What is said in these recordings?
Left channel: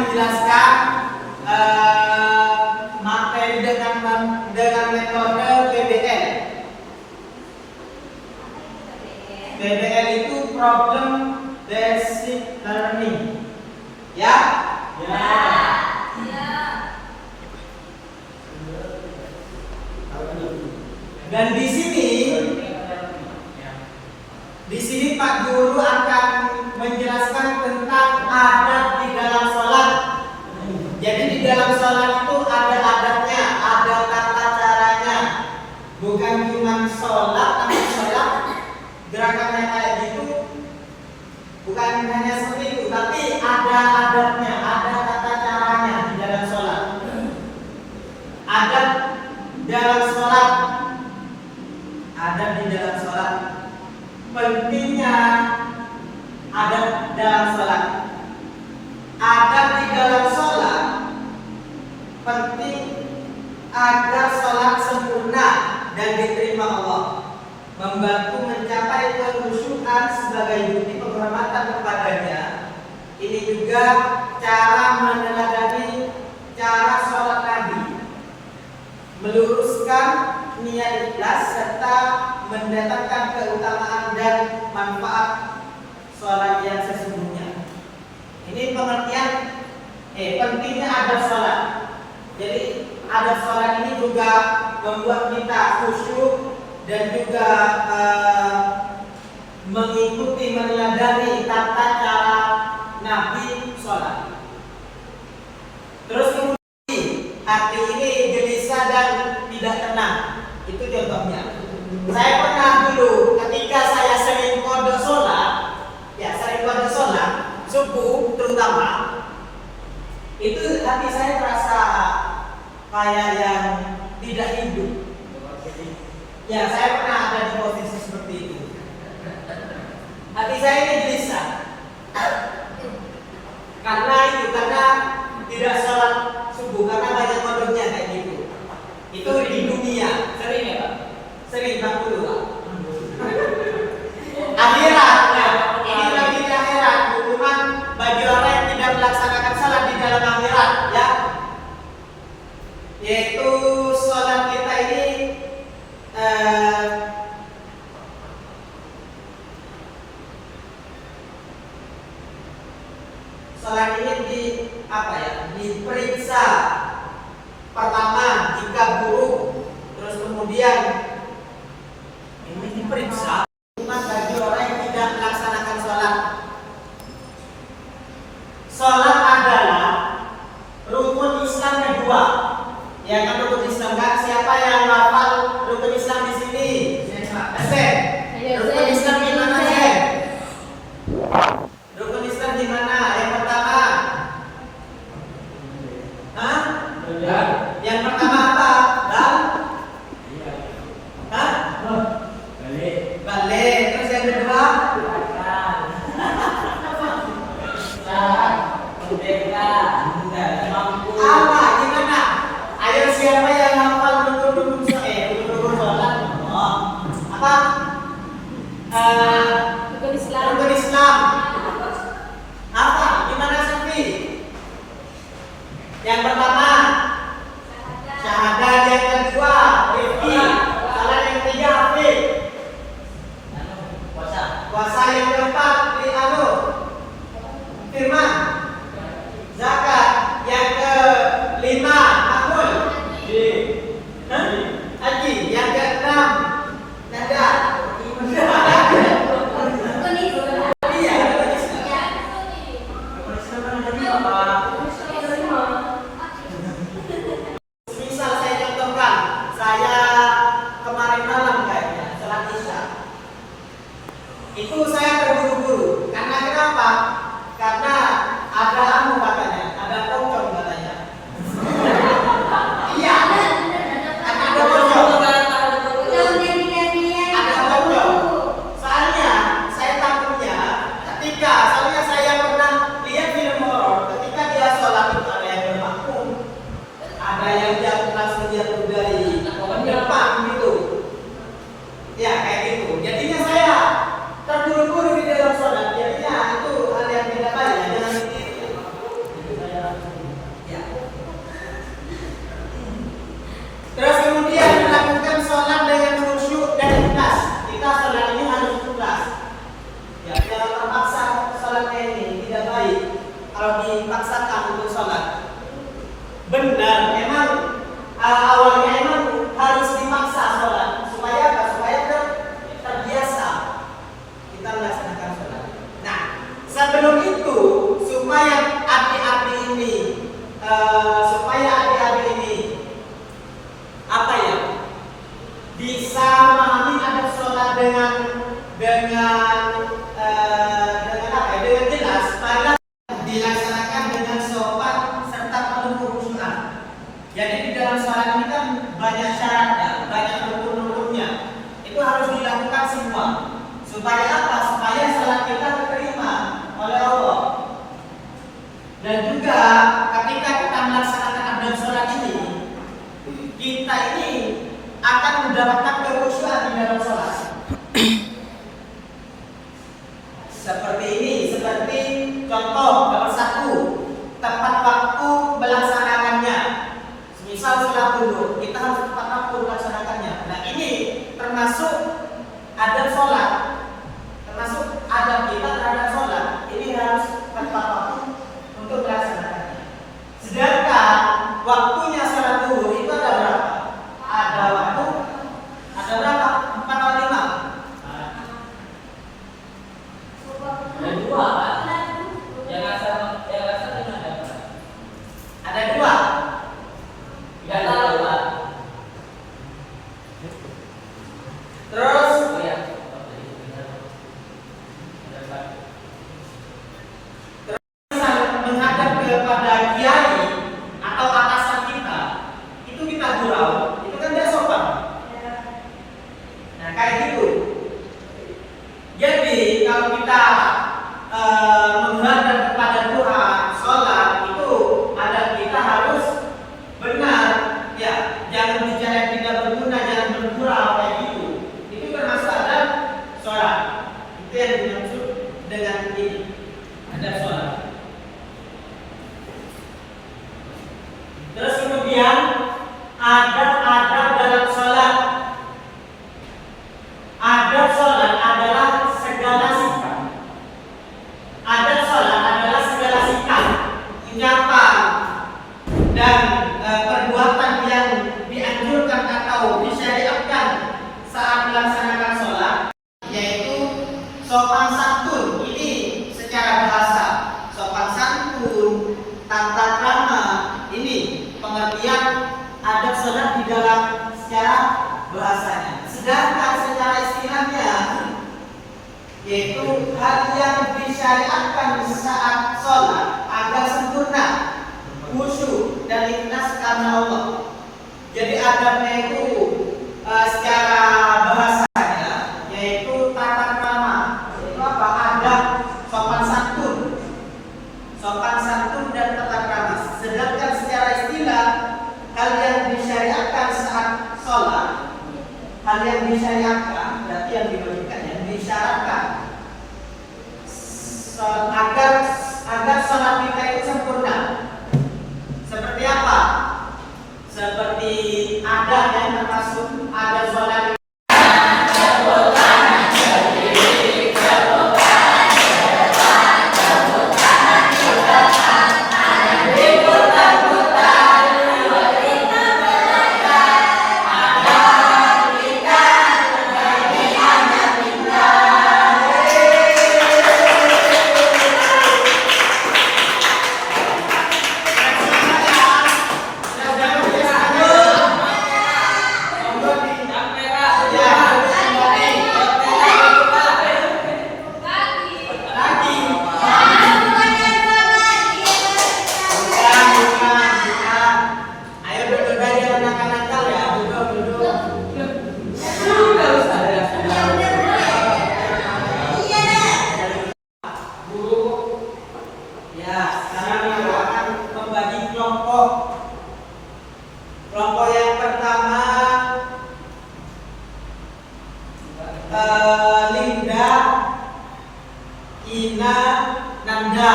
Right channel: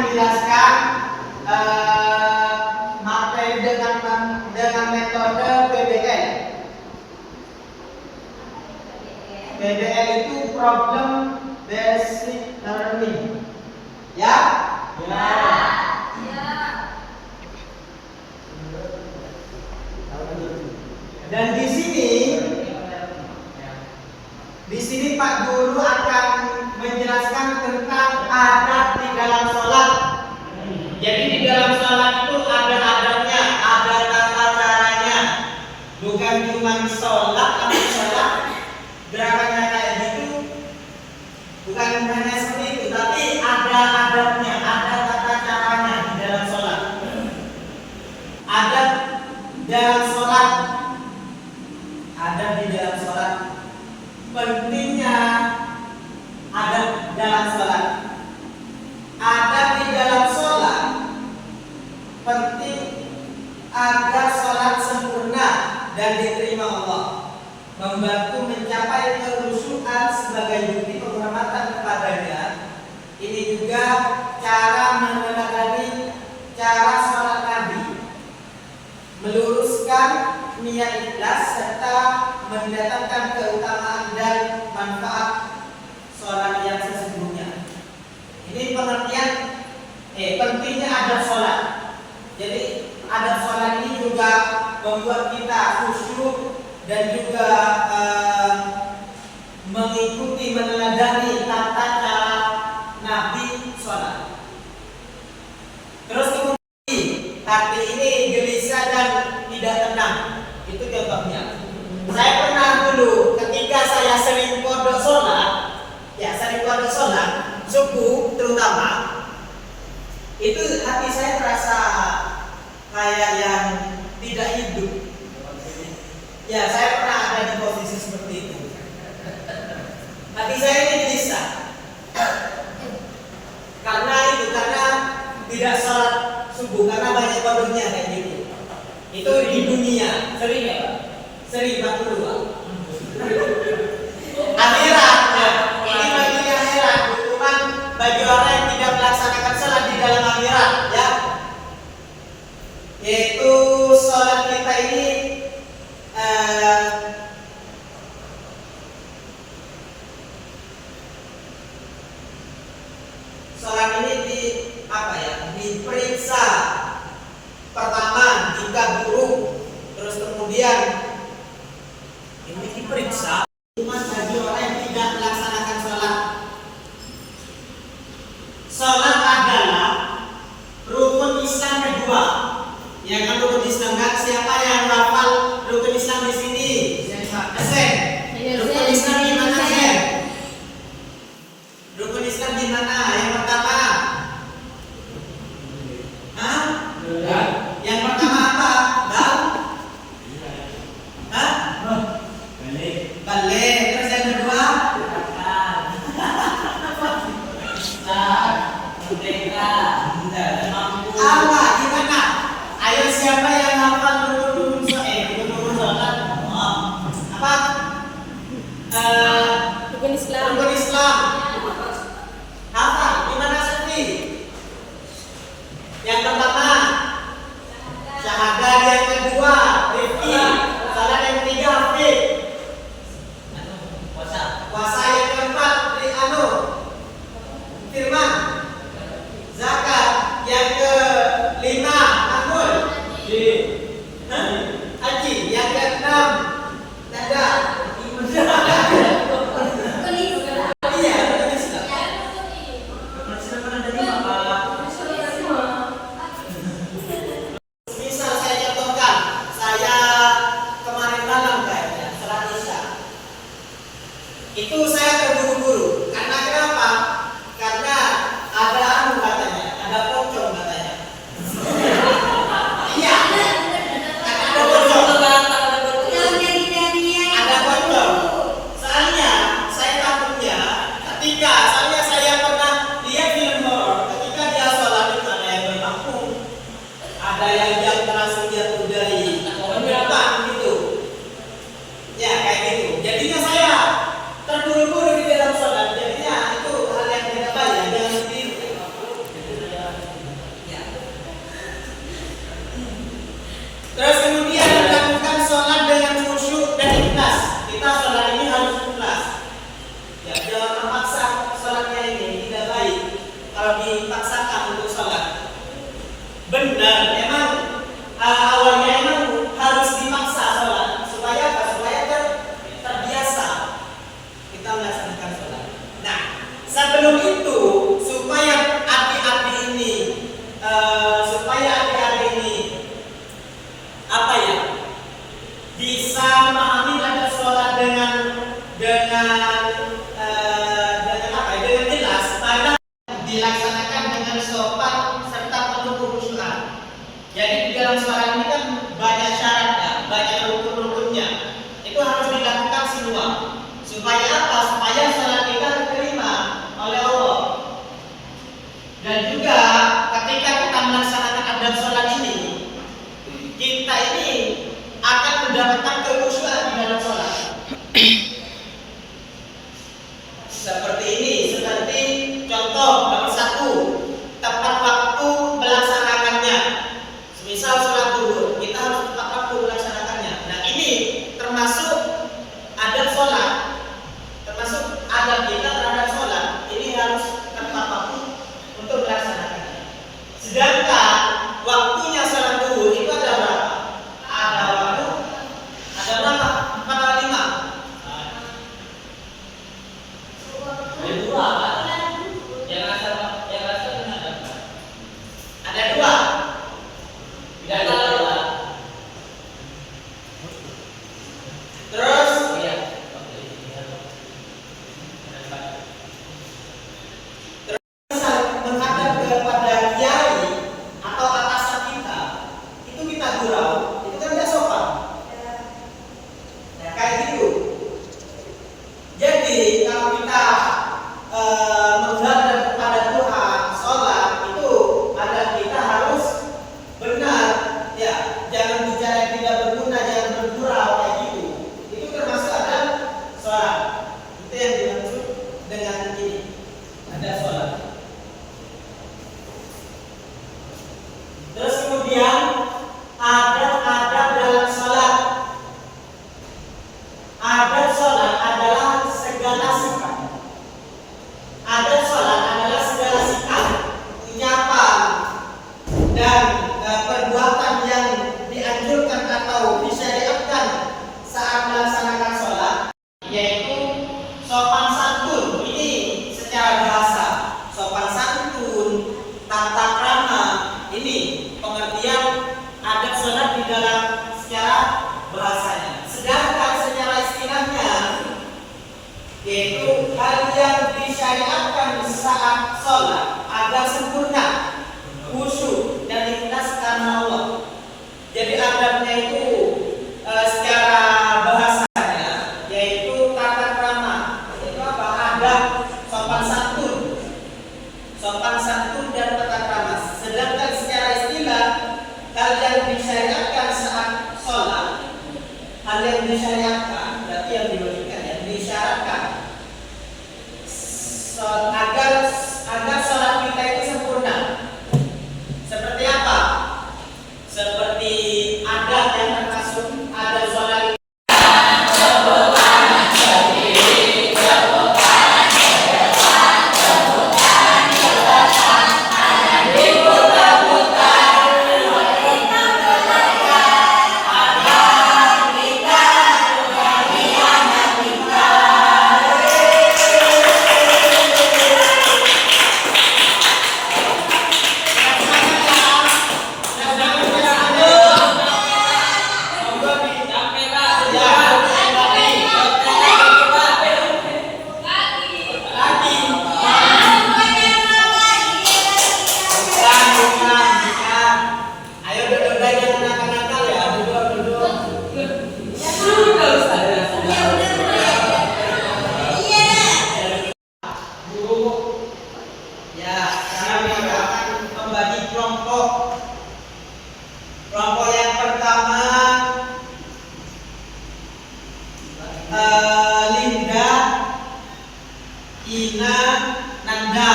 menjelaskan materi dengan metode PBL. PBL itu problem based learning. Ya? Ya. Dan di sini Pak Guru akan menjelaskan tentang adab di dalam sholat. Jadi di dalam sholat itu ada adabnya, ada tata caranya. Bukan cuma sholat, gerakannya kayak gitu. Bukan hanya seperti itu, tapi ada adabnya, ada tata caranya di dalam sholat. Adab dalam sholat. Adab di dalam sholat. Pentingnya adab dalam sholat. Adab di dalam sholat penting agar sholat sempurna dan diterima Allah, membantu mencapai kekhusyuan sebagai bukti penghormatan kepadanya. Ini juga cara meneladani cara sholat Nabi, meluruskan niat ikhlas serta mendatangkan keutamaan dan manfaat sholat yang sesungguhnya. Ini pengertian pentingnya adab sholat. Jadi adab sholat ini juga membuat kita khusyuk dan juga mengikuti meneladani tata cara Nabi sholat. Terus kemudian hati ini gelisah dan tidak tenang. Itu contohnya. Saya pernah dulu ketika saya sering kodok sholat, subuh terutama, itu hati saya terasa kayak yang tidak hidup. Ya, saya pernah ada di posisi seperti itu. Hati saya ini gelisah. Karena tidak sholat subuh, karena banyak kodoknya kayak gitu. Itu di dunia, sering ya Pak? Sering 40 Pak. Akhirat, ini bagi akhirat, hukuman bagi orang yang tidak melaksanakan sholat di dalam akhirat, ya. Yaitu sholat kita ini sholat ini diperiksa. Pertama jika buruk, terus kemudian ini diperiksa hukuman bagi orang yang tidak melaksanakan sholat. Sholat adalah rukun Islam kedua. Ya kan, rukun Islam kan? Siapa yang hafal rukun Islam di sini? Rukun Islam gimana sih? Rukun Islam gimana? Yang pertama, yang pertama apa? Balik. Terus yang kedua? Apa? Gimana? Ayo siapa yang hafal rukun sholat? Apa? Rukun Islam. Apa? Gimana Sofi? Yang pertama syahadat, yang kedua Rifki, salat yang ketiga Hafid, puasa yang keempat Firman, zakat yang kelima Akul, haji yang keenam Nada. dipaksakan untuk sholat. Benar, memang awalnya emang harus dipaksa sholat supaya apa? Supaya terbiasa kita melaksanakan sholat. Nah, sebelum itu supaya adik-adik ini apa ya, bisa memahami adab sholat dengan apa ya, dengan jelas, maka dilaksanakan dengan sopan serta penuh khusyukan. Jadi di dalam sholat ini kan banyak syaratnya, banyak rukun-rukunnya. Itu harus dilakukan semua. Supaya apa? Supaya sholat kita diterima oleh Allah. Dan juga ketika kita melaksanakan adab sholat ini, kita ini akan mendapatkan kekhusyukan di dalam sholat. Seperti contoh nomor 1, tepat waktu melaksanakannya. Misal sholat dulu, kita harus tepat waktu melaksanakannya. Nah, ini termasuk adab sholat, termasuk adab kita terhadap sholat. Ini harus tepat waktu untuk melaksanakannya. Sedangkan waktunya sholat dulu itu ada berapa? Ada waktu, ada berapa? 4 atau 5? Ada 2. Ada 2. Tidak tahu lah. Terus menghadap kepada kiai atau atasan kita, itu kita gurau, itu kan tidak sopan. Nah, kayak gitu. Jadi kalau kita menghadap kepada Tuhan, sholat itu adab kita harus benar, ya. Jangan bicara yang tidak berguna, jangan bergurau kayak gitu. Itu termasuk adab sholat. Itu yang dimaksud dengan ini, adab sholat. Terus kemudian adab-adab dalam sholat. Adab sholat adalah segala sikap. Adab sholat adalah segala sikap, ucapan, dan perbuatan yang dianjurkan atau disyariatkan saat melaksanakan sholat, yaitu sopan santun. Ini secara bahasa, sopan santun, tata krama. Ini pengertian adab sholat di dalam secara bahasanya. Sedangkan secara istilahnya, yaitu hal yang disyariatkan saat sholat agar sempurna, khusyuk dan ikhlas karena Allah. Jadi adabnya itu secara bahasanya yaitu tata krama, yaitu apa? Adab, sopan santun dan tata krama. Sedangkan secara istilah, hal yang disyariatkan saat sholat, hal yang disyariatkan berarti yang diwajibkan, yang disyaratkan agar sholat kita itu sempurna. Seperti apa? Seperti adab yang termasuk adab sholat. Kelompok yang pertama Linda, Ina, Nanda.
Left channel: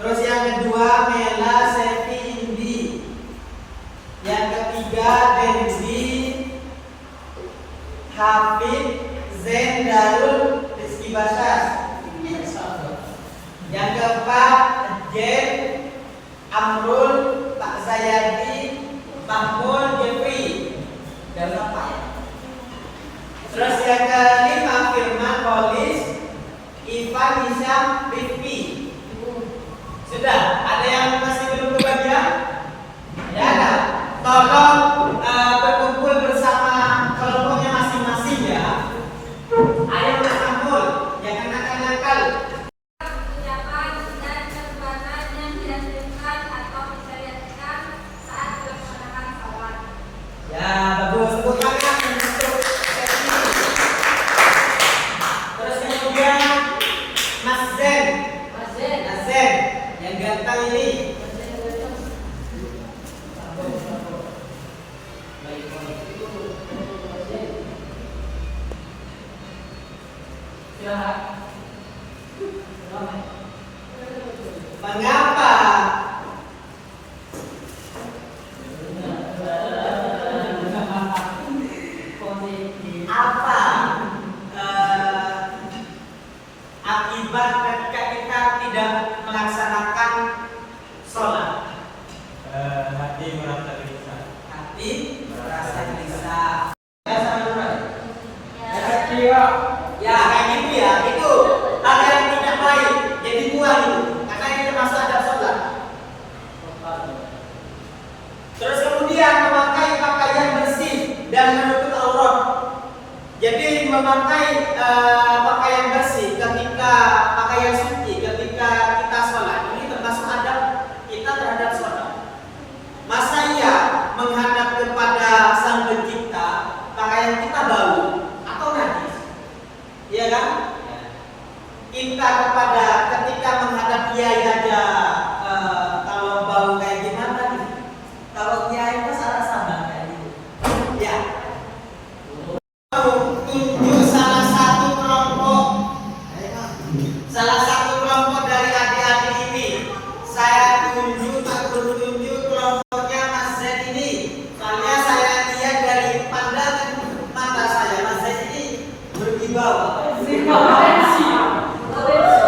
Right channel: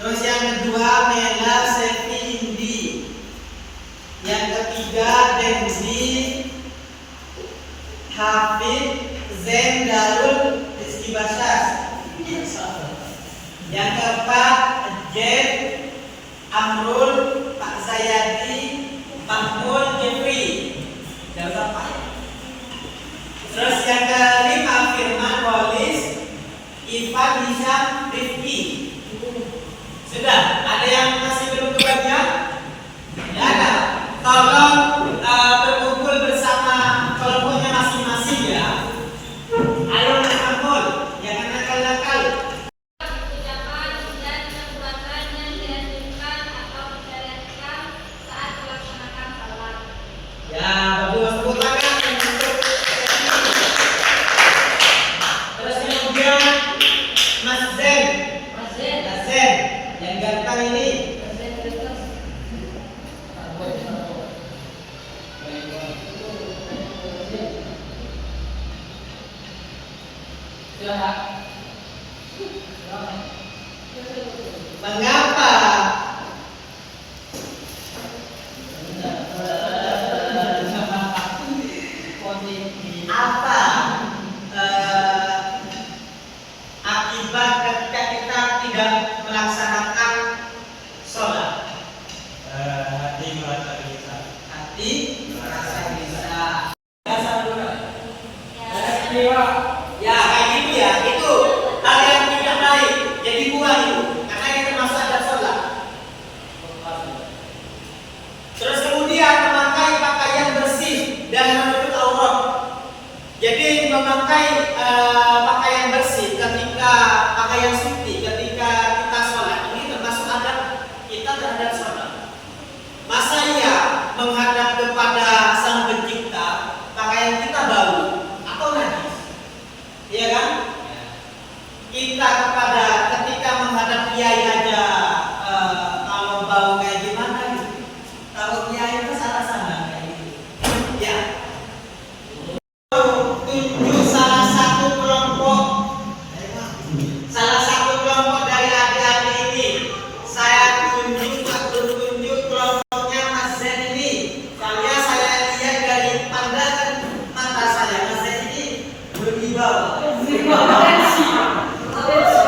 Terus yang kedua Mela, Sevi, Indi. Yang ketiga Denzi, Hafid, Zen, Darul, Rizky Basas. Yang keempat, Jen, Amrul, Pak Zayadi, Mahmud, Jeffrey. Dan apa ya? Terus yang kelima, Firman, Polis, Ivan, Hisham, Rifki. Sudah, ada yang masih belum kebagian? Ya ada. Tolong berkumpul bersama kelompoknya masing-masing ya. Ayo berkumpul, jangan nakal-nakal. Ucapan dan perbuatan yang dianjurkan atau disyariatkan saat melaksanakan salat. Ya, bagus. Tepuk tangan untuk Ferdi. Terus kemudian Mas Zen. Mas Zen yang ganteng ini. Mengapa akibat ketika kita tidak melaksanakan sholat? Hati merasa gelisah. Hati merasa gelisah. Ya kayak gitu ya, itu hal yang tidak baik. Jadi buang itu, karena ini termasuk adab sholat. Terus kemudian memakai pakaian bersih dan menutup aurat. Jadi memakai pakaian bersih ketika pakaian suci ketika kita sholat ini termasuk adab kita terhadap sholat. Masa iya menghadap kepada Sang Pencipta pakaian kita bau atau najis? Iya kan? Kita ketika menghadap kiai aja kalau bau kayak gimana nih? Kalau kiai itu salah sama kayak gitu. Ya. Tunjuk salah satu kelompok dari adik-adik ini. Saya tunjuk kelompoknya Mas Zen ini. Soalnya saya lihat dari pandangan mata saya Mas Zen ini berkibar.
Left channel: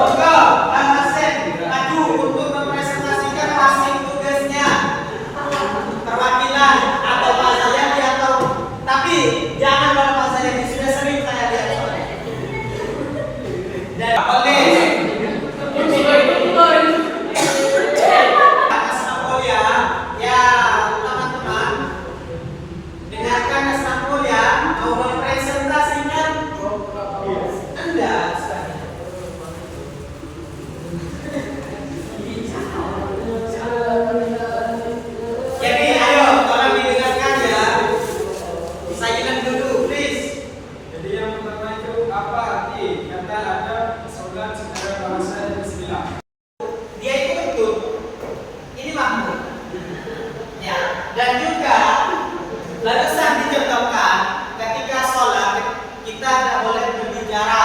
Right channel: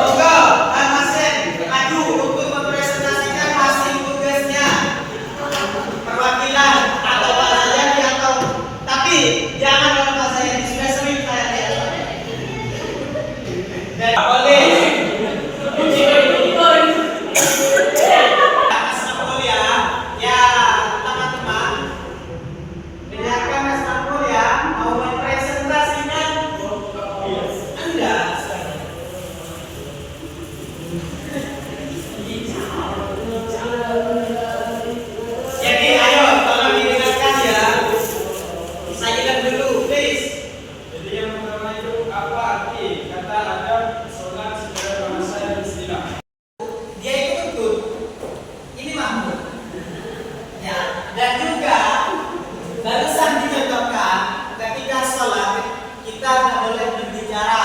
Monggo, Mas Zen maju untuk mempresentasikan hasil tugasnya. Perwakilan atau Pak Zayadi atau tapi jangan kalau Pak Zayadi sudah sering saya lihat soalnya. Dan boleh. Mas Napol ya, teman-teman. Dengarkan Mas Napol ya, mau mempresentasikan Anda. Jadi ayo tolong didengarkan ya. Silent dulu, please. Jadi yang pertama itu apa arti kata adab sholat secara bahasa dan istilah? Dia itu betul. Ini Mahmud. Ya, dan juga barusan dicontohkan ketika sholat kita tidak boleh berbicara.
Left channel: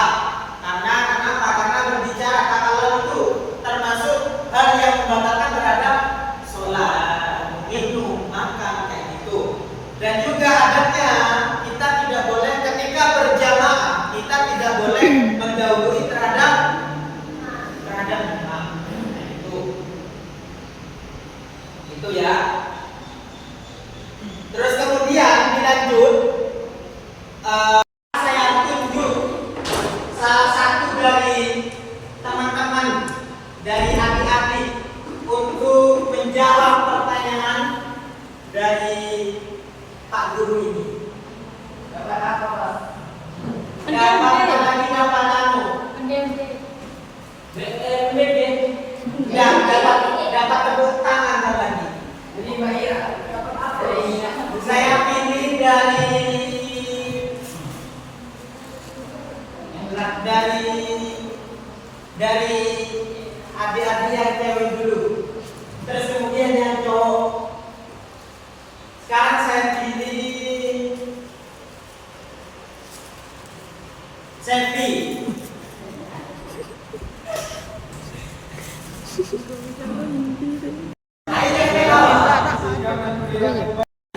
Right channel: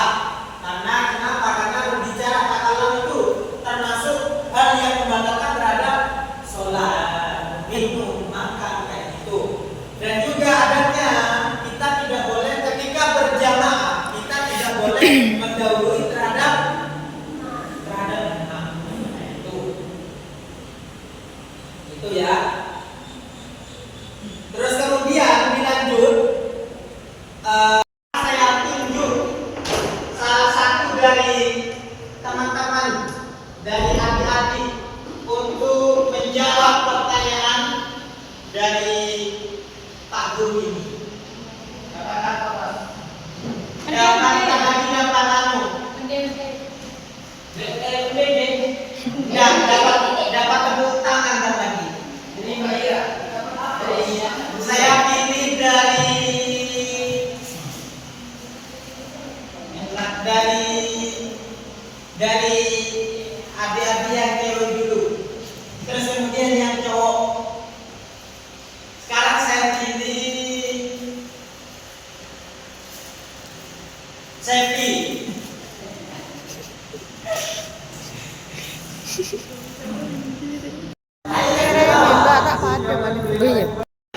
Karena kenapa? Karena berbicara kata lalu itu termasuk hal yang membatalkan terhadap sholat, minum, makan kayak gitu. Dan juga adanya kita tidak boleh ketika berjamaah kita tidak boleh mendahului terhadap imam. Itu ya. Terus kemudian dilanjut saya tunjuk salah satu dari teman-teman dari adik-adik untuk menjawab pertanyaan dari Pak Guru ini. Dapat apa, Pak? Dapat anu. Dapat tepuk tangan lagi. Jadi Mbak Ira. Saya pilih dari adik-adik yang cewek dulu. Terus kemudian yang cowok. Sekarang saya pilih Sevi.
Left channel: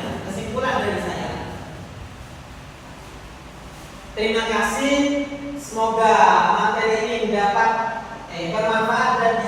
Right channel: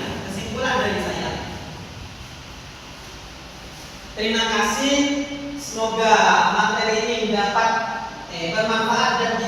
Kesimpulan dari saya. Terima kasih. Semoga materi ini dapat bermanfaat dan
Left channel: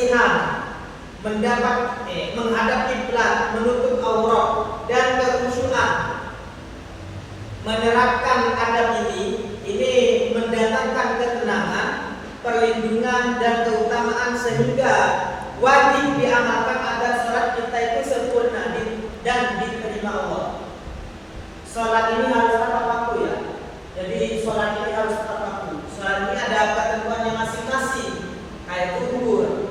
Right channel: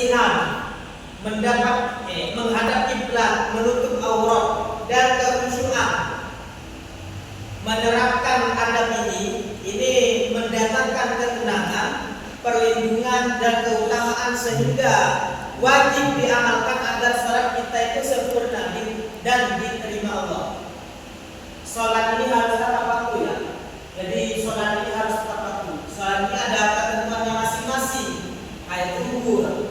kebersihan, menghadap kiblat, menutup aurat, dan kekhusyuan. Menerapkan adab ini mendatangkan ketenangan, perlindungan, dan keutamaan sehingga wajib diamalkan agar sholat kita itu sempurna dan diterima Allah. Sholat ini harus tepat waktu ya. Jadi sholat ini harus tepat waktu. Sholat ini ada ketentuannya masing-masing. Kayak umur,